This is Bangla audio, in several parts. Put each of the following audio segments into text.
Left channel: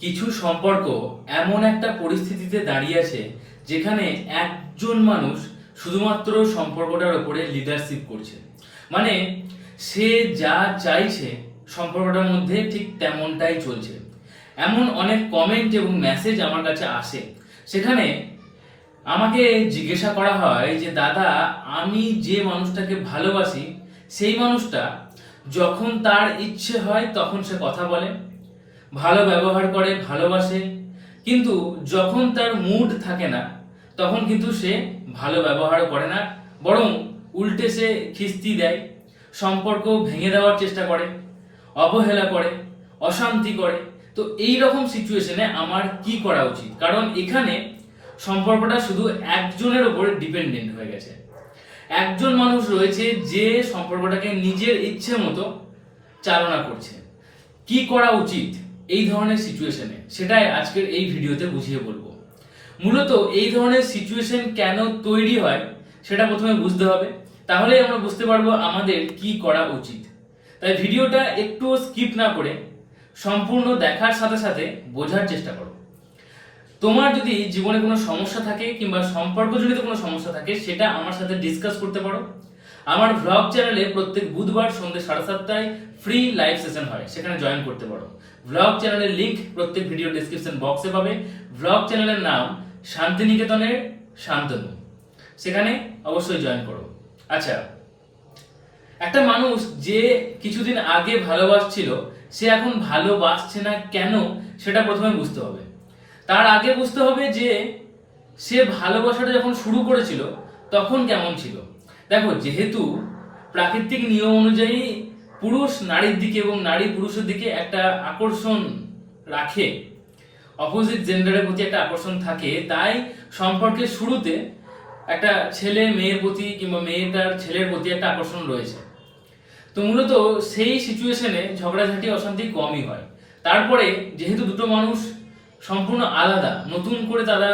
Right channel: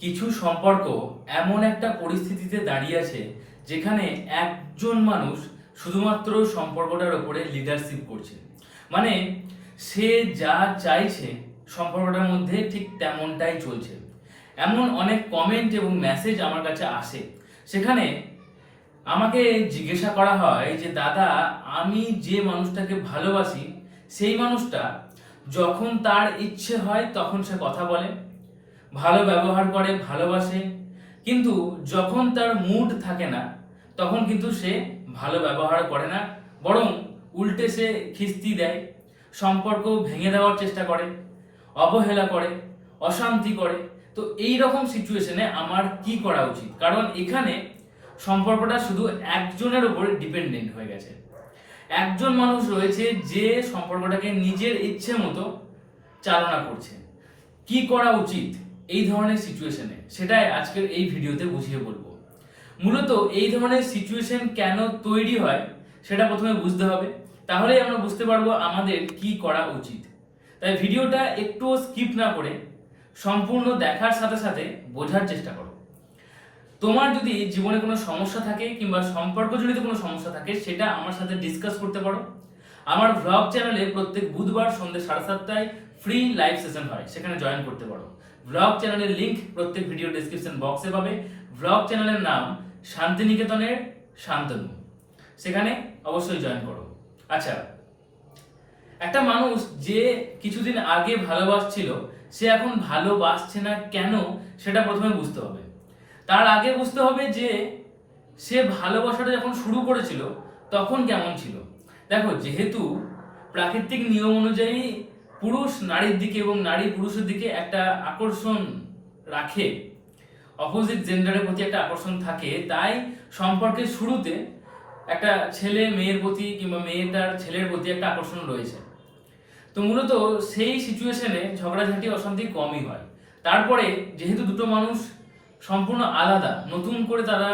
কিছু সম্পর্ক এমন একটা পরিস্থিতিতে দাঁড়িয়ে আছে যেখানে একজন মানুষ শুধুমাত্র সম্পর্কটার ওপরে লিডারশিপ করছে। মানে সে যা চাইছে সম্পর্কটার মধ্যে ঠিক তেমনটাই চলছে। এমন অনেক কমেন্ট এবং মেসেজ আমার কাছে আসে। সেখানে আমাকে জিজ্ঞাসা করা হয় যে, দাদা, আমি যে মানুষটাকে ভালোবাসি, সেই মানুষটা যখন তার ইচ্ছে হয় তখন সে কথা বলে? ভালো ব্যবহার করে, ভালোবাসে। কিন্তু যখন তার মুড থাকে না, তখন কিন্তু সে ভালো ব্যবহার করে না, বরং উল্টে সে খিস্তি দেয়, সম্পর্ক ভেঙে দেওয়ার চেষ্টা করে, অবহেলা করে, অশান্তি করে। তো এই রকম সিচুয়েশনে আমার কি করা উচিত? কারণ এখানে সম্পর্কটা শুধু একজনের উপরে ডিপেন্ডেন্ট হয়ে গেছে। একজন মানুষ রয়েছে যে সম্পর্কটাকে নিজের ইচ্ছে মতো চালনা করছে। কি করা উচিত? এই ধরনের সিচুয়েশনে সেটাই আজকের এই ভিডিওতে বুঝিয়ে বলব। মূলত এই ধরনের সিচুয়েশন কেন তৈরি হয়, সেটা প্রথমে বুঝতে হবে। তাহলেই আমরা বুঝতে পারব আমাদের কি করা উচিত। তাই ভিডিওটা একটু স্কিপ না করে সম্পূর্ণ দেখার সাথে সাথে বোঝার চেষ্টা করো। তোমার যদি জীবনে কোনো সমস্যা থাকে কিংবা সম্পর্কজনিত কোনো সমস্যা থাকে, সেটা আমার সাথে ডিসকাস করতে পারো। আমার ভ্লগ চ্যানেলে প্রত্যেক বুধবার সন্ধ্যে সাড়ে সাতটায় ফ্রি লাইভ সেশন হয়, সেখানে জয়েন করতে পারো। ভ্লগ চ্যানেলের লিঙ্ক প্রত্যেক ভিডিও ডিসক্রিপশন বক্সে পাবে। ভ্লগ চ্যানেলের নাম শান্তিনিকেতনের শান্তনু। সেখানে অবশ্যই জয়েন করো। আচ্ছা একটা মানুষ যে কিছুদিন আগে ভালোবাসছিল, সে এখন ভালোবাসছে না কেন, সেটা প্রথমে বুঝতে হবে। তার আগে বুঝতে হবে যে, সে ভালোবাসাটা যখন শুরু করেছিল, তখন কেমন ছিল? দেখো, যেহেতু প্রাকৃতিক নিয়ম অনুযায়ী পুরুষ নারীর দিকে এবং নারী পুরুষের দিকে একটা আকর্ষণ রাখে অপোজিট জেন্ডারের প্রতি একটা আকর্ষণ থাকে, তাই সম্পর্কের শুরুতে একটা ছেলে মেয়ের প্রতি কিংবা মেয়েটার ছেলের প্রতি একটা আকর্ষণ রয়েছে। তো মূলত সেই সিচুয়েশনে ঝগড়াঝাটি, অশান্তি কমই হয়। তারপরে যেহেতু দুটো মানুষ সম্পূর্ণ আলাদা, নতুন করে তারা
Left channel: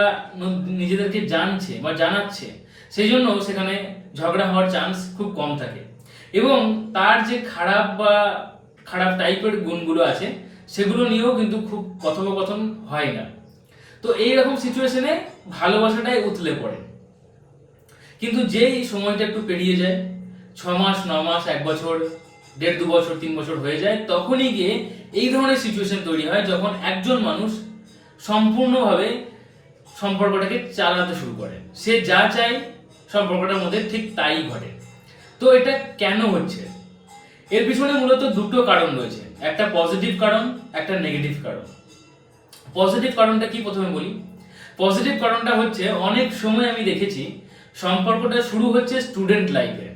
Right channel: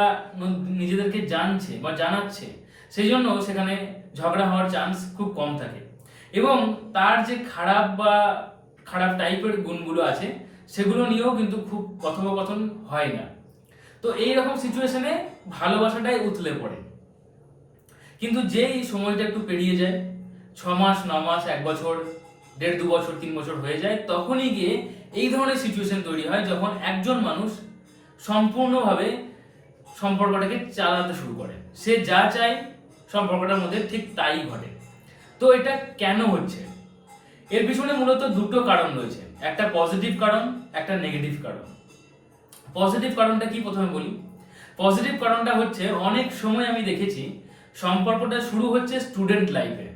নিজেদেরকে জানছে বা জানাচ্ছে, সেই জন্য সেখানে ঝগড়া হওয়ার চান্স খুব কম থাকে। এবং তার যে খারাপ বা খারাপ টাইপের গুণগুলো আছে, সেগুলো নিয়েও কিন্তু খুব কথোপকথন হয় না। তো এই রকম সিচুয়েশনে ভালোবাসাটাই উতলে পড়ে। কিন্তু যেই সময়টা একটু পেরিয়ে যায় ছ মাস ন মাস এক বছর, দেড় দু বছর, তিন বছর হয়ে যায়, তখনই গিয়ে এই ধরনের সিচুয়েশন তৈরি হয় যখন একজন মানুষ সম্পূর্ণভাবে সম্পর্কটাকে চালাতে শুরু করে। সে যা চায় সম্পর্কটার মধ্যে ঠিক তাই ঘটে। তো এটা কেন হচ্ছে? এর পিছনে মূলত দুটো কারণ রয়েছে। একটা পজিটিভ কারণ, একটা নেগেটিভ কারণ। পজিটিভ কারণটা কি প্রথমে বলি? পজিটিভ কারণটা হচ্ছে অনেক সময় আমি দেখেছি সম্পর্কটা শুরু হচ্ছে স্টুডেন্ট লাইফে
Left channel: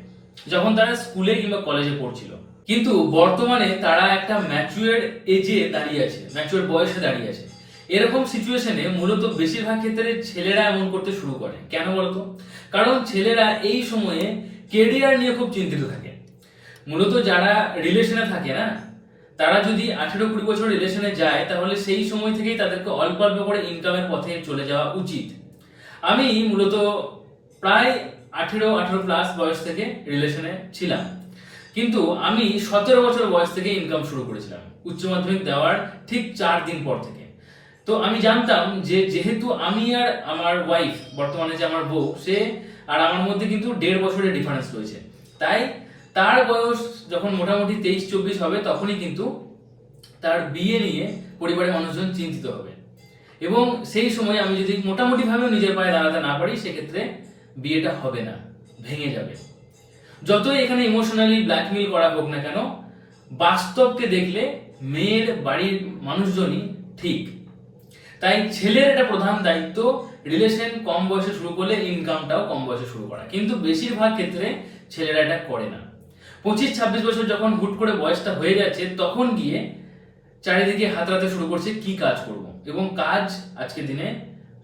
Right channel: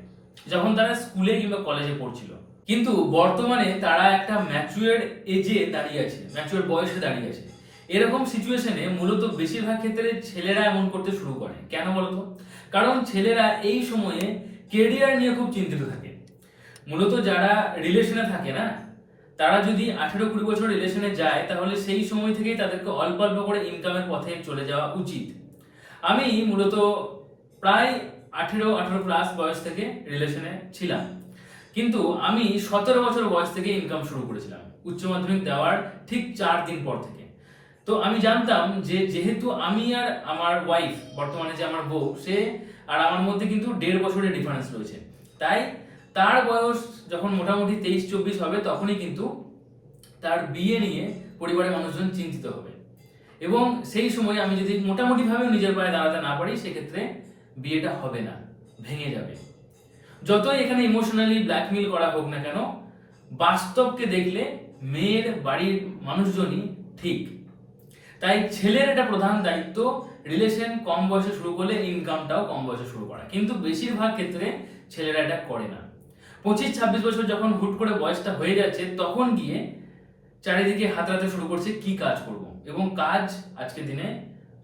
যখন তারা স্কুলে কিংবা কলেজে পড়ছিল। কিন্তু বর্তমানে তারা একটা ম্যাচুয়ার এজে দাঁড়িয়ে আছে ম্যাচুয়ার বয়সে দাঁড়িয়ে আছে। এরকম সিচুয়েশনে মূলত বেশিরভাগ ক্ষেত্রে ছেলেরা এমন করতে শুরু করে। কেন বলতো? কারণ ছেলেরা এই সময়ে কেরিয়ার নিয়ে খুব চিন্তিত থাকে। মূলত যারা রিলেশনে থাকে না, তারা যদি আঠেরো কুড়ি বছর রিলেশনে যায়, তাহলে সেই সময় থেকেই তাদেরকে অল্প অল্প করে ইনকামের পথে চলে যাওয়া উচিত। আমি মূলত প্রায় আঠেরো আঠেরো প্লাস বয়স থেকে রিলেশনে ছিলাম। কিন্তু আমি সতেরো বছর বয়স থেকে ইনকাম শুরু করেছিলাম। উচ্চ মাধ্যমিক দেওয়ার ঠিক চার দিন পর থেকে। তো আমি জানতাম যে যেহেতু আমি আর আমার ওয়াইফ বর্তমানে যে আমার বউ, সে আর আমার মধ্যে কিন্তু দেড় বছরের ডিফারেন্স রয়েছে। তাই তার বয়স যখন মোটামুটি তেইশ চব্বিশ হবে, তখনই কিন্তু তার বিয়ে নিয়ে পরিবারের মানুষজন চিন্তিত হবে। এবং সেই সময় আমি যদি মোটামুটিভাবে নিজের পায়ে দাঁড়াতে না পারি, সেক্ষেত্রে বিয়েটা হবে না, ভেঙে যাবে। যতই এখানে ইমোশনালি ব্ল্যাকমেল করা হোক না কেন, বাস্তবকে দেখলে মেয়ের বাড়ির মানুষজনই ঠিক। তাই ছেলের একটা প্রধান দায়িত্ব রিলেশন কম বয়সে শুরু করলে ইনকামটাও কম বয়সে শুরু করা। কিন্তু বেশিরভাগ ক্ষেত্রে ছেলেরা এটা করে না। পঁচিশ, ছাব্বিশ বছর যখন হুট করে বয়সটা হয়ে যাচ্ছে, তখন গিয়ে চারিদিকে হাতড়াতে শুরু করছে, কি কাজ করব? এবং কাজ আজকের দিনে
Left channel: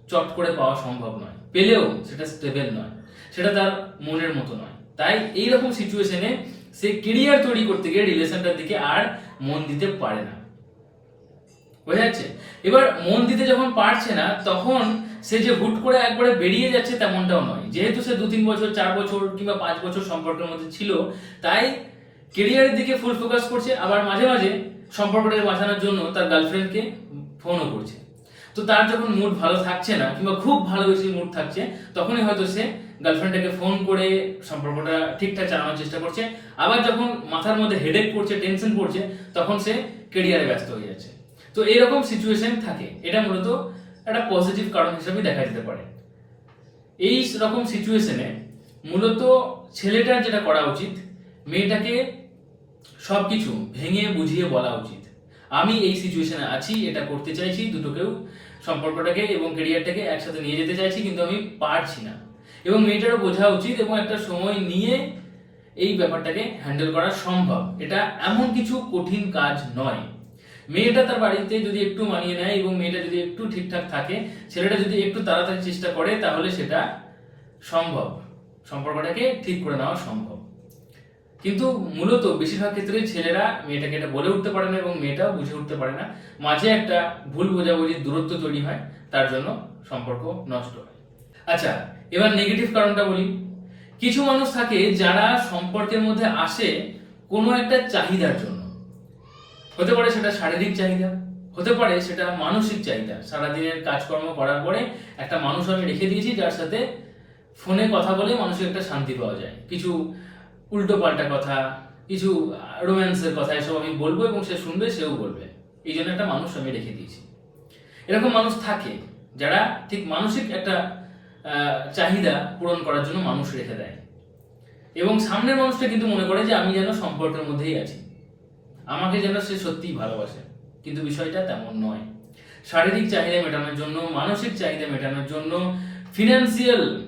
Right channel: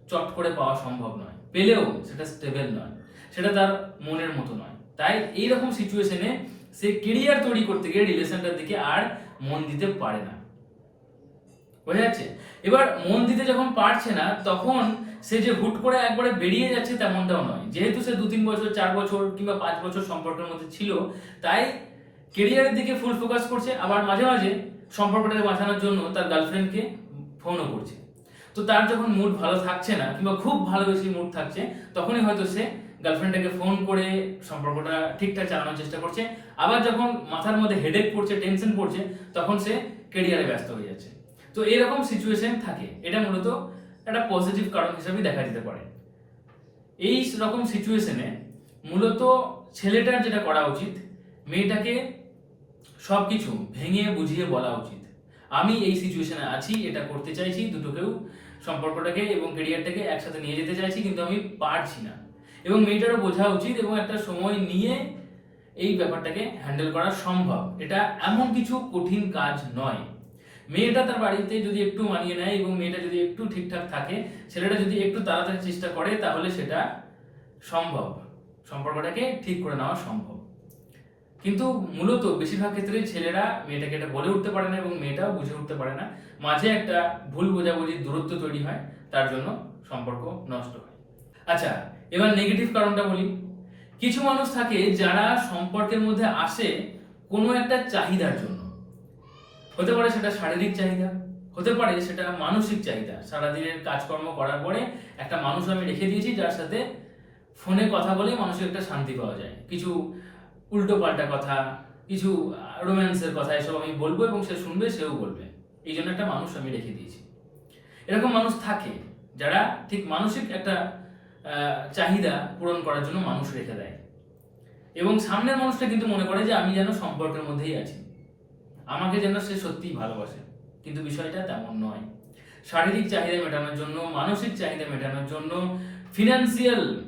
চট করে পাওয়া সম্ভব নয়। পেলেও সেটা স্টেবল নয়। সেটা তার মনের মতো নয়। তাই এই রকম সিচুয়েশনে সে কেরিয়ার তৈরি করতে গিয়ে রিলেশনটার দিকে আর মন দিতে পারে না। বোঝা যাচ্ছে? এবার মন দিতে যখন পারছে না, তখন সে যে হুট করে একবারে বেরিয়ে যাচ্ছে তেমনটাও নয়। যেহেতু সে দু তিন বছর, চার বছর কিংবা পাঁচ বছর সম্পর্কের মধ্যে ছিল, তাই কেরিয়ারের দিকে ফুল ফোকাস করছে, আবার মাঝে মাঝে সম্পর্কটাকে বাঁচানোর জন্য তার গার্লফ্রেন্ডকে ফোনও করছে। তো তার যখন মুড ভালো থাকছে না, কিংবা খুব ভালোবেসে মুড থাকছে, তখনই হয়তো সে গার্লফ্রেন্ডটাকে ফোন করে সম্পর্কটা ঠিকঠাক চালানোর চেষ্টা করছে। আবার যখন মাথার মধ্যে হেডেক পড়ছে টেনশন পড়ছে, তখন সে কেরিয়ারে ব্যস্ত হয়ে যাচ্ছে। তো এরকম সিচুয়েশন থাকে। এটা মূলত একটা পজিটিভ কারণ হিসেবে দেখা যেতে পারে। এই রকম সিচুয়েশনে মূলত ছেলেটার যেটা করা উচিত, মেয়েটাকে সবকিছু ভেঙে বুঝিয়ে বলা উচিত। আমি এই সিচুয়েশনে আছি, এটা করতে চাইছি, দুটোকেও সম্পর্কটাকে এবং কেরিয়ারটাকে একসাথে নিয়ে যেতে চাইছি, কিন্তু আমি পারছি না। এবং মেয়েটারও বোঝা উচিত এবং একটা সময় নিয়ে এই ব্যাপারটাকে হ্যান্ডেল করা সম্ভব। এটা এমন কিছু কঠিন কাজ নয়। মেয়েটা তার বাড়িতে যদি একটু মানিয়ে নেয় এবং মেয়েটা যদি একটু ঠিকঠাক থাকে, ছেলেটা যদি একটু তাড়াতাড়ি চেষ্টা করে, তাহলে সেটা সম্ভব। সম্পর্কটাকে ঠিক করে নেওয়া সম্ভব। কিন্তু মূলত বেশিরভাগ ক্ষেত্রে ছেলেরা মেয়েটাকে এটা বলে উঠতে পারে না এবং মেয়েটাও বুঝে উঠতে পারে না। মাঝে একটা ভুল বোঝাবুঝির দূরত্ব তৈরি হয়, তার জন্য সম্পর্ক নষ্ট হয়। আচ্ছা এবার নেগেটিভ কারণটা বলি। কিছু মানুষ থাকে যারা সম্পর্কের মধ্যে আসে কোনো একটা চাহিদার জন্য। হতে পারে সেটা শারীরিক চাহিদা, হতে পারে সেটা মানসিক চাহিদা। সারাদিনের কাজকর্ম করার পরে একটা মানুষ আমি রেখে দিয়েছি, যার সাথে ফোনে কথা বলে মানুষের একটা শান্তি পাওয়া যায়। কিছু উল্টো পাল্টা কথা, কিছু রোম্যান্সের কথা এসব আমি বলব এবং সে শুনবে, সেও বলবে। এই জন্য একটা মানুষ আমি রেখে দিয়েছি। এরকম মানুষ থাকে যারা ঠিক মানসিক একটা চাহিদা পূরণ করার জন্য মানুষ রেখে দেয়। এবং সামনের মানুষটা কিন্তু মনে করে যে আমি যেন সম্পর্কের মধ্যেই আছি। আমাকে যেন সে সত্যিই ভালোবাসে। কিন্তু বিষয়টা তেমন নয়। শারীরিক চাহিদা মেটানোর জন্য, মানসিক চাহিদা মেটানোর জন্য ফিনান্সিয়াল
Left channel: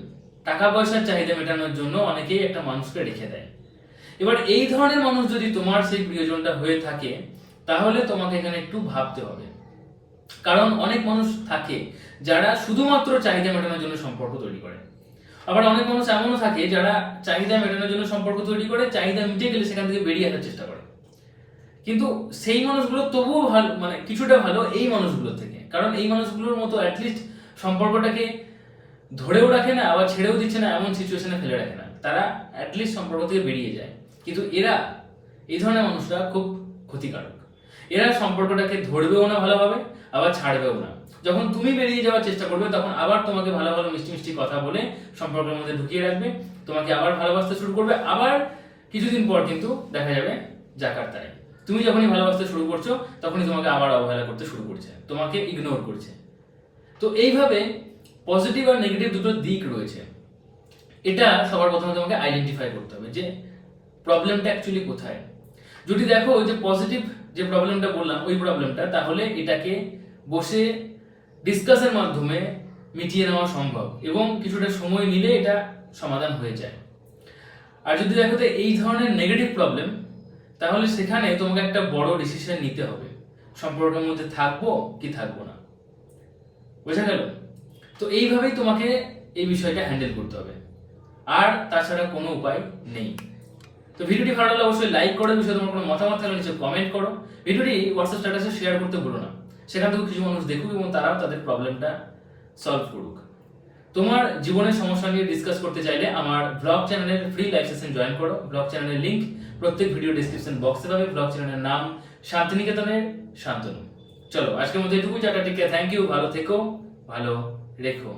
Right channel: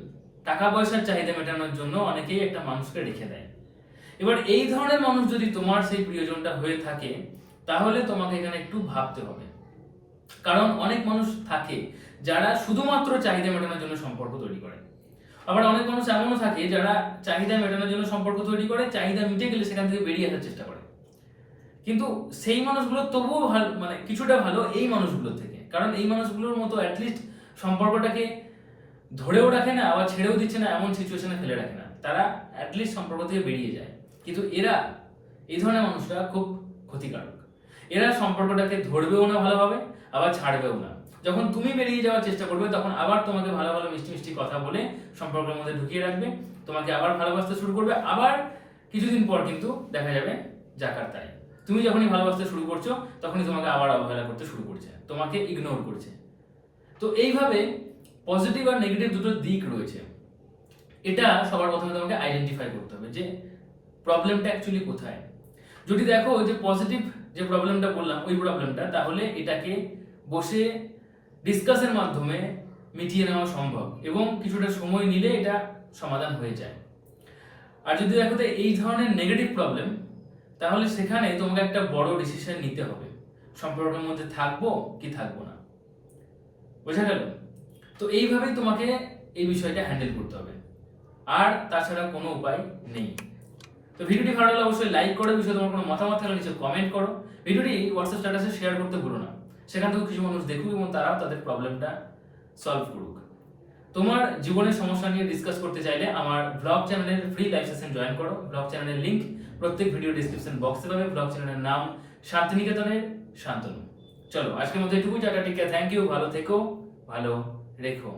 টাকা পয়সার চাহিদা মেটানোর জন্য অনেকেই একটা মানুষকে রেখে দেয়। এবার এই ধরনের মানুষ যদি তোমার সেই প্রিয়জনটা হয়ে থাকে, তাহলে তোমাকে এখানে একটু ভাবতে হবে। কারণ অনেক মানুষ থাকে যারা শুধুমাত্র চাহিদা মেটানোর জন্য সম্পর্ক তৈরি করে। আবার অনেক মানুষ এমনও থাকে যারা চাহিদা মেটানোর জন্য সম্পর্ক তৈরি করে, চাহিদা মিটে গেলে সেখান থেকে বেরিয়ে আসার চেষ্টা করে। কিন্তু সেই মানুষগুলো তবুও ভালো মানে কিছুটা ভালো এই মানুষগুলোর থেকে। কারণ এই মানুষগুলোর মতো অ্যাটলিস্ট সম্পর্কটাকে ধরেও রাখে না, আবার ছেড়েও দিচ্ছে না, এমন সিচুয়েশনে ফেলে রাখে না। তারা অ্যাটলিস্ট সম্পর্ক থেকে বেরিয়ে যায়। কিন্তু এরা, এই ধরনের মানুষরা খুব ক্ষতিকারক। এরা সম্পর্কটাকে ধরবেও না ভালোভাবে, আবার ছাড়বেও না। যখন তুমি বেরিয়ে যাওয়ার চেষ্টা করবে, তখন আবার তোমাকে ভালো ভালো মিষ্টি মিষ্টি কথা বলে সম্পর্কের মধ্যে ঢুকিয়ে রাখবে, তোমাকে আবার ভালোবাসতে শুরু করবে। আবার কিছুদিন পর কিন্তু দেখা যাবে জাকার তাই তুমি যখনই ভালোবাসতে শুরু করছ, তখনই তোমাকে আবার অবহেলা করতে শুরু করছে, তোমাকে ইগনোর করছে। তো এইভাবে পজিটিভ আর নেগেটিভ দুটো দিক রয়েছে। এটা সবার প্রথমে তোমাকে আইডেন্টিফাই করতে হবে যে প্রবলেমটা অ্যাকচুয়ালি কোথায়। যদি দেখো যে পজিটিভ যে প্রবলেমটা বললাম, ওই প্রবলেমটা তাহলে এটাকে বসে ডিসকাসের মাধ্যমে মিটিয়ে নেওয়া সম্ভব এবং কিছুটা সময় নিলে এটা সমাধান হয়ে যায়। আর যদি দেখো যে এই ধরনের নেগেটিভ প্রবলেম তাহলে সেখানে তোমাকে একটা বড় ডিসিশন নিতে হবে। সম্পর্কের মধ্যে থাকব কি থাকব না। বোঝা গেল? তো এইভাবেই তোমাকে এই বিষয়টা হ্যান্ডেল করতে হবে। আর তাছাড়া কোনো উপায় নেই। তো ভিডিওটি ভালো লাগলে অবশ্যই লাইক করো বিষয়ে তোমার কোনো মতামত থাকলে নিচে কমেন্ট করো। ভিডিওটি হোয়াটসঅ্যাপ স্ট্যাটাসে শেয়ার করতে ভুলো না। সেখান থেকে কিছু মানুষ দেখুক এবং তারাও তাদের প্রবলেমটা সলভ করুক। তোমার জীবনের সমস্যা নিয়ে ডিসকাস করতে চাইলে আমার ব্লগ চ্যানেলের ফ্রি লাইভ সেশন জয়েন করো। ব্লগ চ্যানেলের লিংক প্রত্যেক ভিডিও ডিসক্রিপশন বক্সে পাবে ব্লগ চ্যানেলের নাম শান্তিনিকেতনের শান্তনু। চলো, আজকের মধ্যে এটুকুই, টাটা টিকে থ্যাংক ইউ ভালো থেকো, ভালো রেখো।